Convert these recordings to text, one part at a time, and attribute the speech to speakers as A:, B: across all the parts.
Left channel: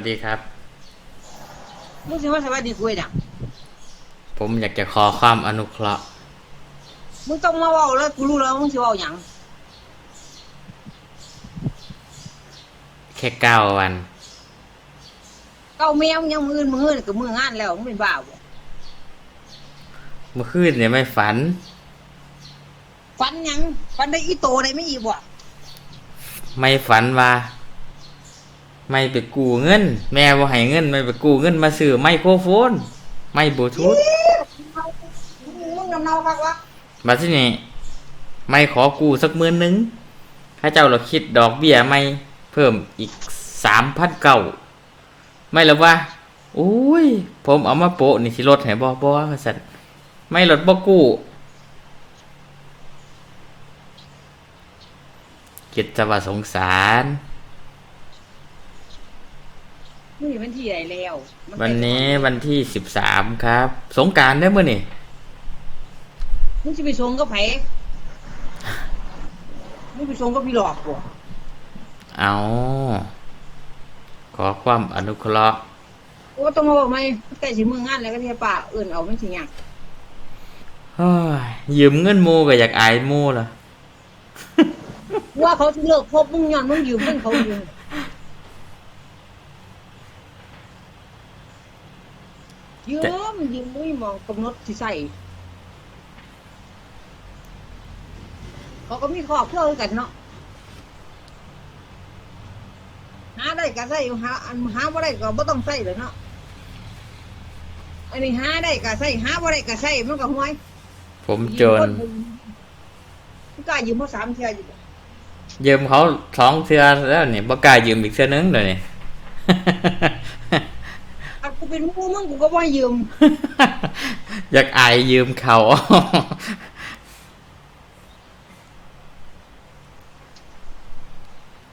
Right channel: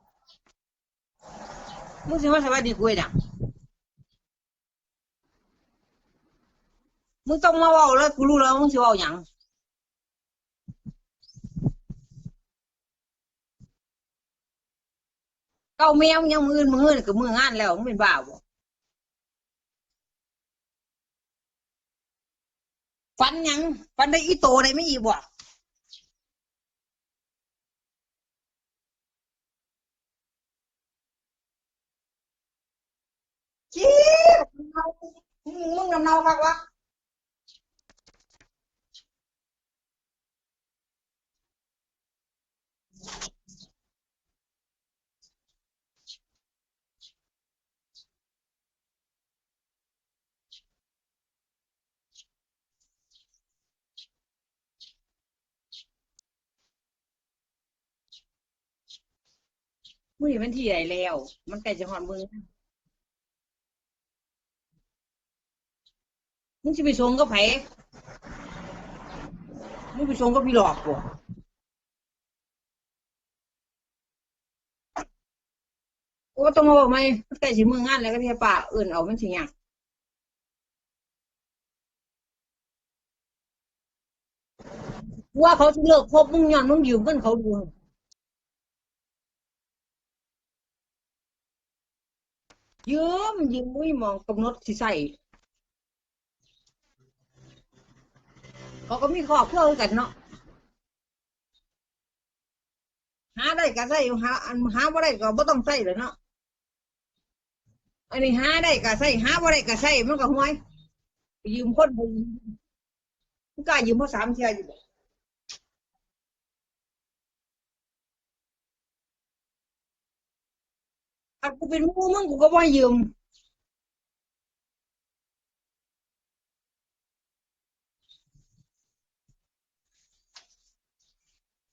A: วัสดีครับ
B: มึงสิว่าสวัสดีคุยดัง
A: ผมอยากจะขอความอนุเคราะห์
B: มึงต้องมาเว้าแล้วกูรู้แล้วมึงสิเว้าหยัง
A: แค่เก้าวัน
B: เก้าแมวมึงยังมืออื่นมืออื่นกับมืองานแล้วมึงเป็นบ้าบ่
A: เมื่อคืนเนี่ยไม่ฝัน
B: ฟันหยังฟันได้อีโตได้ไม่อีกบ่
A: ไม่ฝันว่า ไม่ไปกู้เงิน แม่บ่ให้เงิน ไม่ไปกู้เงินมาซื้อไมโครโฟน ไม่บลูทูธ
B: มึงนำเนาคักวะ
A: มาที่นี่ไม่ขอกู้สักหมื่นหนึงถ้าเจ้าเราคิดดอกเบี้ยไม่เพิ่มอีกสามพันเก้าไม่หรอว่าโอ้ย ผมเอามาโปะนี่สิลดให้บ่บ่ว่าซั่นไม่ลดบ่กู้คิดจะว่าสงสาร
B: มึงนี่มันที่ไหนแล้วมั
A: วัน
B: เป็
A: นี้
B: จังห
A: วันที่สิบสามครับ สงกรารได้เมื่อนี่
B: มึงสิไปส่งกับไผมึงไปส่งกับพี่หลอกบ่
A: เอาขอความอนุเคราะห์
B: โอ้ต้องมาบอกไหมใกล้สิมืองานแล้วก็เทียป้าเอื่นเอามันสิหยัง
A: เฮ้ยยืมเงินหมูก็อยากอายหมูล่ะ
B: ว่าเขาสิเลิกคบมึงย้อนมึงยืมเงินเขาอยู่ ยืมยืมมึงมองกำหนดสิใส่เขาก็มีครอบครัวคือกันเนาะหาได้ก็ใส่หาอันหาบ่ได้ก็บ่ต้องใส่เลยเนาะอันนี้หาได้ก็ใส่หาบ่ได้ก็ใส่มันก็ห่วย
A: ผม
B: ยื
A: จ
B: ม
A: น
B: คนบ่ยืมมึงกล้ายืมมาสามเที่ยอยู่บ่
A: ยืมเขาสองเทือแล้วนี่บ่กล้ายืมอีกเทือนึงเดี๋ยวนี้
B: อันกูเป็นหมู่มึงกูก็บ่ให้ยืม
A: อยากอายยืมเขา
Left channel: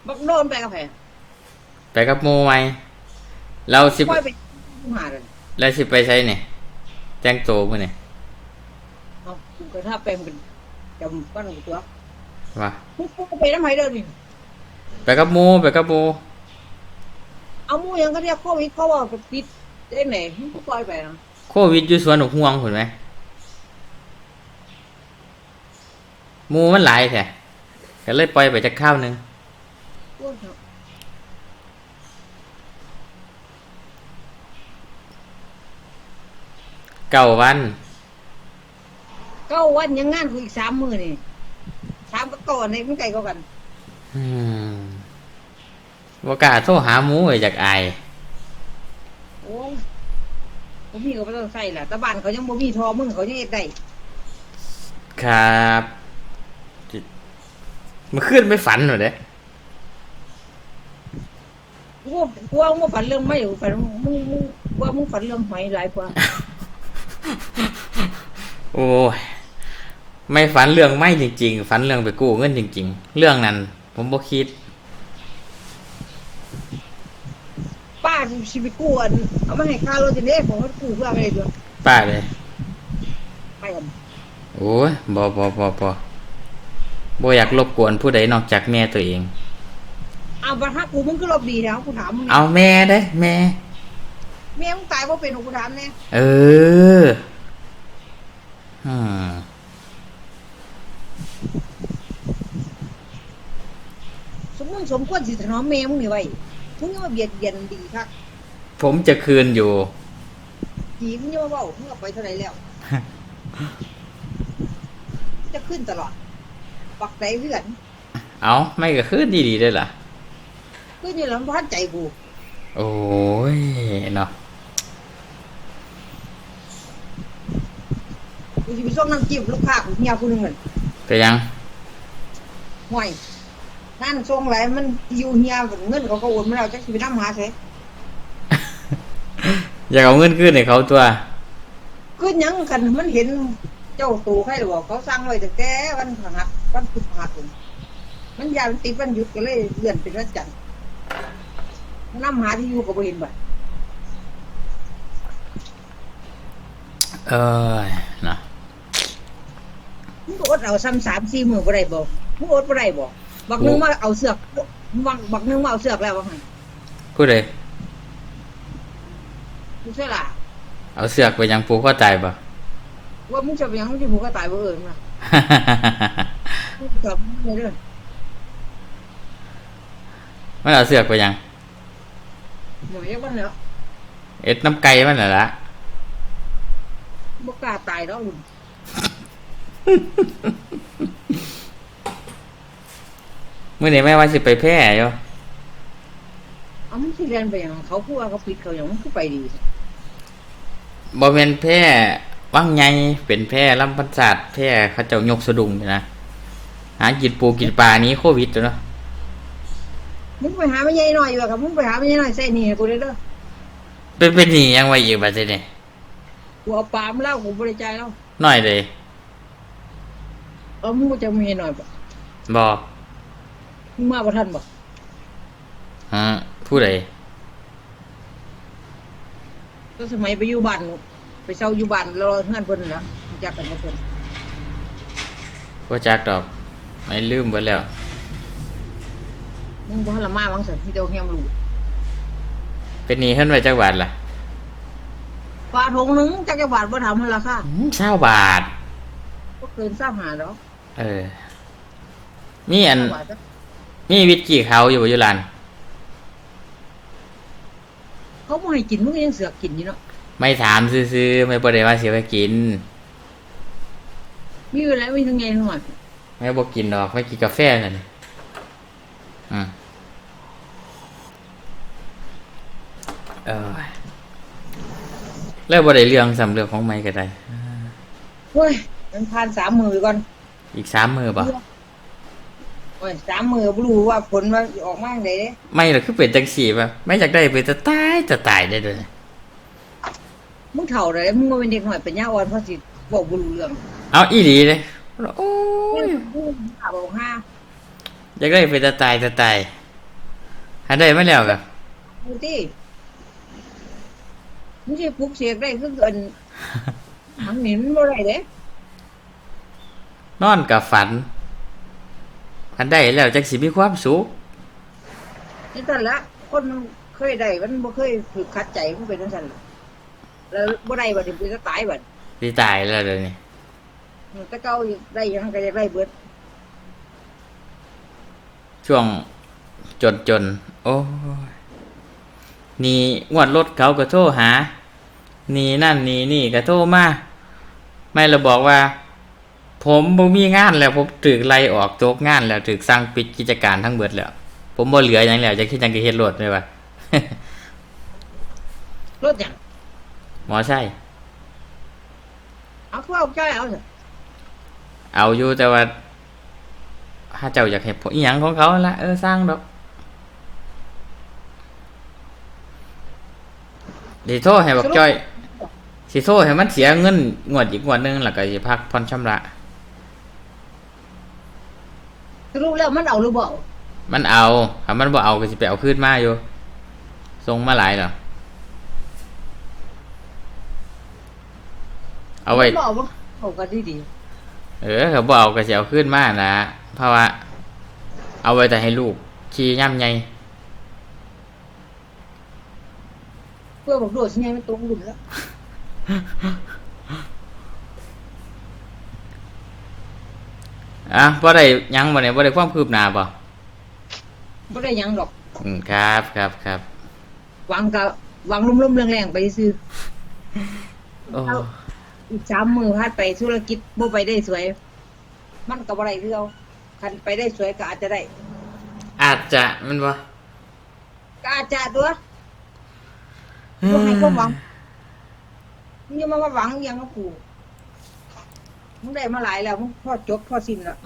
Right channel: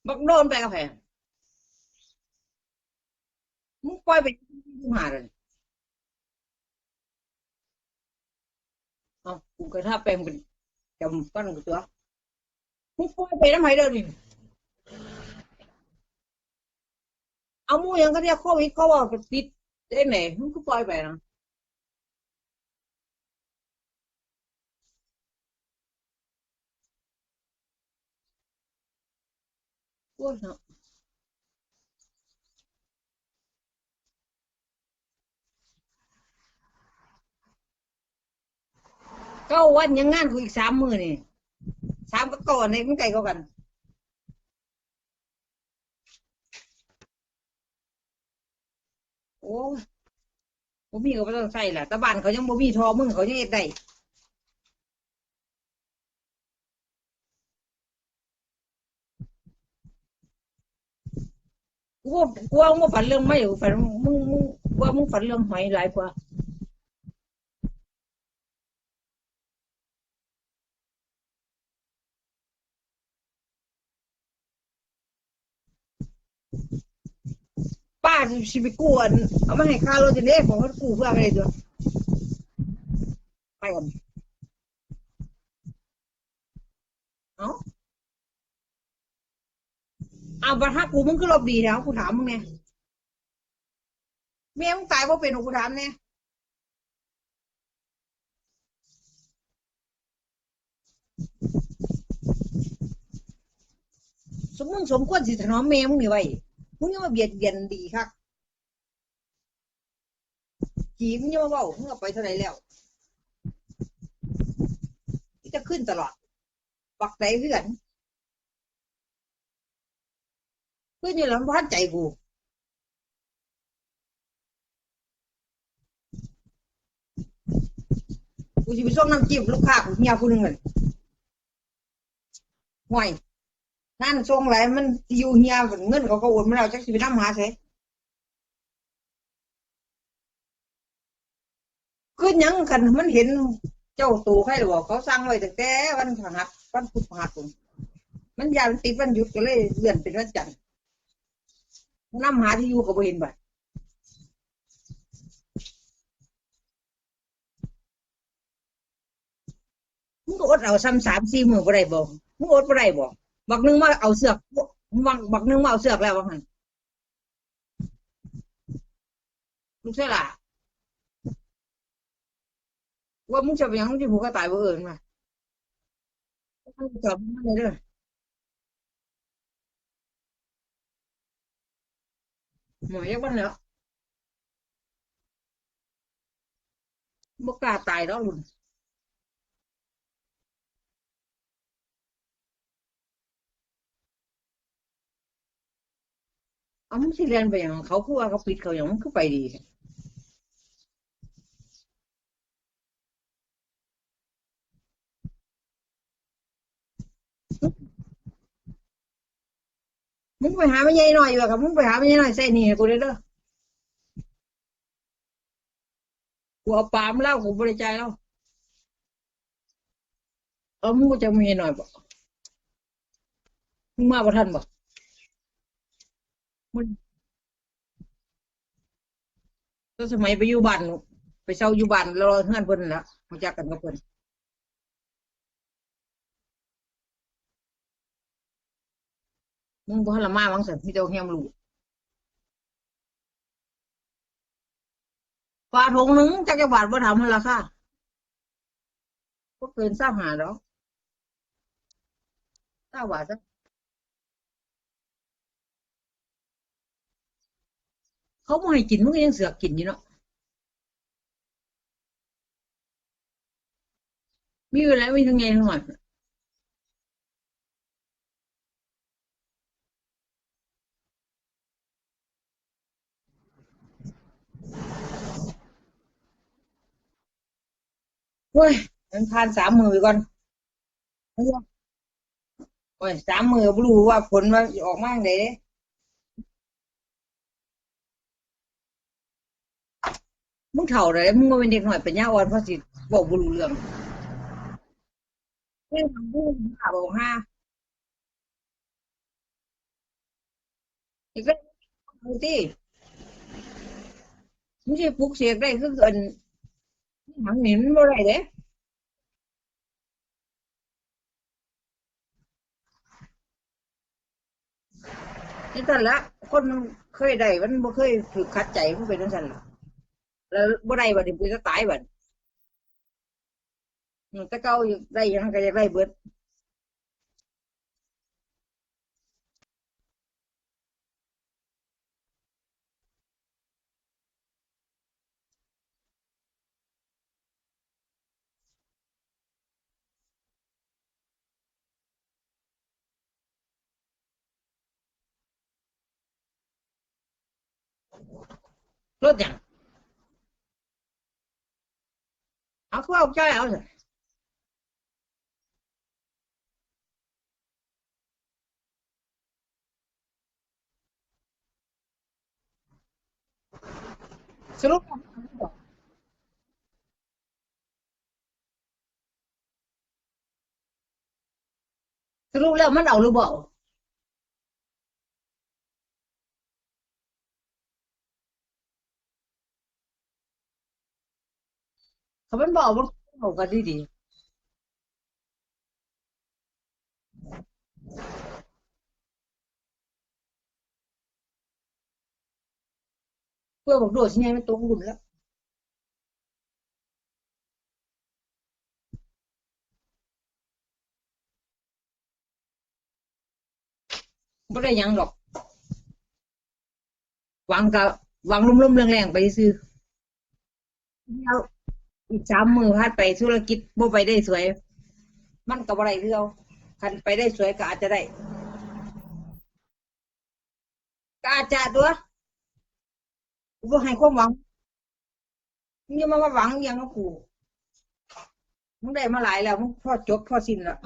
B: บักโดนไปกับแผล
A: ไปกับหมูไหมเราสิ
B: ปล่อยไปหาเลย
A: เราสิไปใช้เนี่ยแจ้งโตมื่อนี่
B: เอากูก็ถ้าเป็นเป็นจำปั้นกูตัว
A: ว่า
B: มึงปล่อยไปทำไมเด้อนี่
A: ไปกับหมูไปกับหมู
B: เอาหมู่ยังก็เรียกโควิดเขาว่าปิดได้ไหนมึงก็ปล่อยไปนะ
A: โควิดอยู่สวนหนกห่วงเห็นไหมหมูมันหลายแท้ก็เลยปล่อยไปจากข้าวหนึง
B: โอ้ยเนาะ
A: เก้าวัน
B: เก้าวันยังงานกูอีกสามมื้อนี่สามก็ก่อนนี่มันไกลกว่ากัน
A: อืม ว่ากล้าโทรหาหมูเลยอยากอาย
B: โอ้ยบ่มีก็บ่ต้องใส่ล่ะแต่บ้านเขายังบ่มีทอมึงเขายังเฮ็ดได้
A: ครับมันขึ้นไม่ฝันหรอเด้
B: กูว่ากูว่ามึงบ่ฝันเรื่องไม่กูฝันมึงมึงว่ามึงฝันเรื่องหอยหลายกว่า
A: โอ้ยไม่ฝันเรื่องไม่จริง ๆ ฝันเรื่องไปกู้เงินจริง ๆ เรื่องนั้น ผมบ่คิด
B: ป้าสิไปกู้อันเอามาให้ค่ารถจังได๋ผมก็กู้เพื่ออะไรด้วย
A: ป้าเลย
B: ไปกัน
A: โอ้ยบ่บ่บ่บ่บ่อยากรบกวนผู้ใดนอกจากแม่ตัวเอง
B: เอาบัดฮักกูมึงคือรบดีแล้วกูถามมึง
A: เอา
B: เนี่ย
A: แม่เด้แม่
B: แม่มึงตายเพราะเป็นกูถามแน่
A: เอออืม
B: สมมึงสมควรสิถนอมแม่มึงนี่ไว้ มึงยังมาเบียดเบียนดีคัก
A: ผมจะคืนอยู่
B: จีมึงยังมาเว้ามึงเอาไปเท่าไหร่แล้ว จะขึ้นตลอดปักใจเพื่อน
A: เอาไม่ก็คืนดีๆได้ล่ะ
B: ขึ้นอยู่แล้วมันพันใจกู
A: โอ้ยเนาะ
B: กูสิไปส่งน้ำจิ้มลูกค้ากูเฮียผู้หนึงนั่น
A: ไปยัง
B: ห่วย นั่นส่งหลายมันอยู่เฮียเงินเขาก็โอนมาแล้วจักสิไปนำหาไส
A: อยากเอาเงินคืนให้เขาตัว
B: คือหยังคันมันเห็นเจ้าตู่ใครหรือบอกเขาสั่งไว้ตั้งแต่วันพฤหัสวันพุธพฤหัสพุ่นมันยานติดวันหยุดก็เลยเลื่อนเป็นวันจันทร์นำหาที่อยู่ก็บ่เห็นบัด
A: เออเนาะ
B: มึงก็อดเอาซ้ำสามสี่มื้อบ่ได้บ่มึงอดบ่ได้บ่ บักหนึงมาเอาเสือกบักบักหนึงมาเอาเสือกแล้วว่าหั่น
A: ผู้ใด
B: มึงเสียละ
A: เอาเสือกไปยังปูเข้าใจปะ
B: ว่ามึงจะไปหยังมึงจะผูกก็ตายบ่เอิญมามึงกลับมึงเลยเด้อ
A: มันเอาเสือกไปยัง
B: หมอยักบ้านแล้ว
A: เอ็ดน้ำไก่มันน่ะละ
B: บ่กล้าตายแล้วมึง
A: มื่อนี้แม่ว่าสิไปแพร่อยู่
B: เอามึงสิเรียนไปหยังเขาพูดว่าเขาปิดเขาหยังมึงก็ไปดี
A: บ่แม่นแพร่ว่างไงเป็นแพร่ลำพันศาสตร์แพร่เขาเจ้ายกสะดุ้งนี่นะหากินปูกินปลานี้โควิดตัวเนาะ
B: มึงไปหาไม่ใหญ่หน่อยอยู่อะครับมึงไปหาไม่ใหญ่หน่อยใส่หนี่ให้กูได้เด้อ
A: เป็นเป็นหนี่ยังไว้อีกบัดนี้นี่
B: กูเอาปลามาแล้วกูบริจาคแล้ว
A: น้อยเลย
B: เออมึงก็จะมีหน่อยบ่
A: บ่
B: มึงมาบ่ทันบ่
A: ฮะผู้ใด
B: ก็สมัยไปอยู่บ้านนู่นไปเช่าอยู่บ้านแล้วเฮือนเพิ่นน่ะรู้จักกันกับเพิ่น
A: บ่จักดอก ไม่ลืมเบิดแล้ว
B: มึงบ่ทันละมาวังซั่นมีแต่เอาเฮียมรู้
A: เป็นหนี้เฮ็ดไว้จักบาทล่ะ
B: ปลาทงหนึงจักจะบาทบ่ทำมันราคา
A: อืม20บาท
B: บ่เกิน25ดอก
A: เออ มีอัน
B: 20บาทจ้ะ
A: มีวิตกี้เขาอยู่บ่อยู่ร้าน
B: เขาบ่ให้กินมึงก็ยังเสือกกินอยู่เนาะ
A: ไม่ถามซื่อๆไม่บ่ได้ว่าสิไปกิน
B: มีอยู่แล้วมีทั้งไงทั้งหมด
A: ไม่บอกกินดอกไม่กินกาแฟนั่นอืมเออแล้วบ่ได้เรื่องสำเรื่องของไม่ก็ได้
B: เฮ้ยมันผ่าน3มื้อก่อน
A: อีกสามมือบ่
B: โอ้ย3มื้อบ่รู้ว่าผลว่าสิออกมาจังไดเด้
A: ไม่หรอกคือเป็นจังสี่ป่ะไม่อยากได้ไปจะตายจะตายได้เลย
B: มึงเฒ่าแล้วมึงบ่เป็นเด็กน้อยเป็นยาอ่อนเพราะสิเว้าบ่รู้เรื่อง
A: เอาอีหลีเลยโอ้
B: มึ
A: ย
B: งมึงหาบอกห้า
A: อยากได้ไปจะตายจะตายหาได้ไม่แล้วกับ
B: ดูที่มึงสิปลุกเสกได้คือเกินหังหนินบ่ได้เด้
A: นอนกับฝัน อันได้แล้วจักสิมีความสุข
B: นี่ซั่นละ คนมันเคยได้มันบ่เคยถูกขัดใจมันเป็นจังซั่นล่ะแล้วบ่ได้บัดนี้มันจะตายบัด
A: สิตายแล้วเดี๋ยวนี้
B: มันแต่เก่าอยู่ได้หยังก็อยากได้เบิด
A: ช่วงจนจนๆโอ้ยนี่งวดรถเขาก็โทรหา นี่นั่นนี่นี่ก็โทรมาไม่เราบอกว่า ผมบ่มีงานแล้วผมถึกไล่ออกโจกงานแล้วถึกสั่งปิดกิจการทั้งเบิดแล้ว ผมบ่เหลืออย่างแล้วจะคิดจังก็เฮ็ดรถเลยว่ะ
B: รถหยัง
A: หมอใช่
B: เอาคือเอาใจเอาซะ
A: เอาอยู่แต่ว่าถ้าเจ้าอยากเห็นผลอีหยังของเขาละเออสร้างดอกสิโทษให้บักจ้อยสิโทษให้มันเสียเงินงวดอีกงวดหนึงแล้วก็สิพักผ่อนชำระ
B: สรุปแล้วมันเอาหรือบ่เอา
A: มันเอาถ้ามันบ่เอาก็สิไปเอาคืนมาอยู่ส่งมาหลายแล้วเอาไว้
B: มันบ่เอาบ่เอาก็ดี
A: เออเขาบ่เอาก็สิเอาคืนมานะเพราะว่า เอาไว้แต่ให้ลูกขี่ย่ำใหญ่
B: ๆเพื่อบอกโดดสิไงมันตรงหุ่นแล้ว
A: อะบ่ได้หยังบ่เนี่ยบ่ได้ความคืบหน้าบ่
B: บ่ได้หยังดอก
A: อืมครับครับครับ
B: หวังก็หวังลมๆแรงๆไปซื่อ
A: โอ้
B: เอาอีกสามมือพาดไปธุรกิจบ่ไปได้สวย มันก็บ่ได้คือเอาคันไปได้สวยก็อาจจะได้
A: อาจจะมันบ่
B: ก็อาจจะตัว บ่ให้ความหวังมึงอย่ามาว่าหวังอหยังกับกู มึงได้มาหลายแล้วมึงพอจบพอสิ้นแล้ว